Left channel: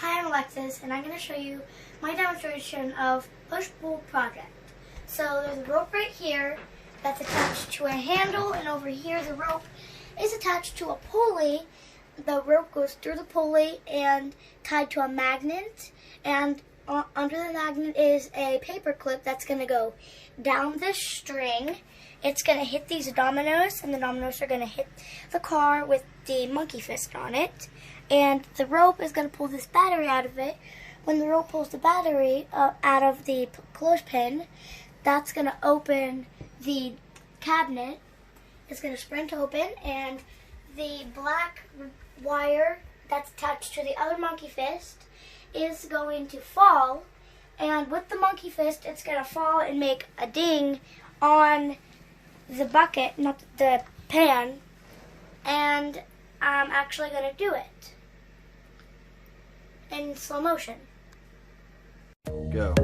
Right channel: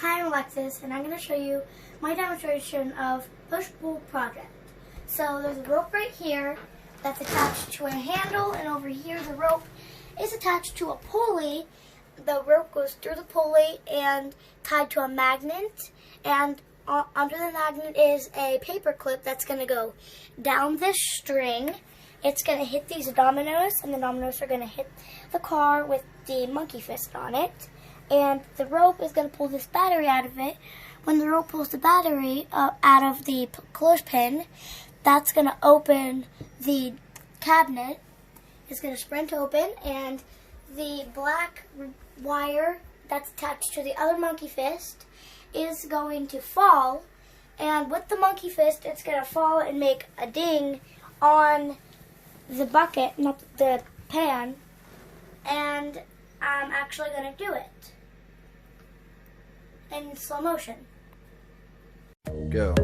Hi, I'm Alexis, and I'm going to show you my demonstration of push-pull project. So there's a rope right here that's attached to a handle, and over here the rope is attached to a pulley. The rope goes through the pulley and tied to a magnet, and under the magnet is a paper clip that's going to go down this string. It's going to hit these dominoes, and the dominoes are going to hit the car with the monkey fist on it. And the rope is going to pull this battery out of it. When the rope pulls the battery out of the clothespin, that's going to open the cabinet. It's going to sprint open, and the black wire that's attached to the other monkey fist is going to fall. And with the monkey fist, it's going to fall and make a ding on the bucket, not the pan. And I'm actually going to do it in slow motion. Go.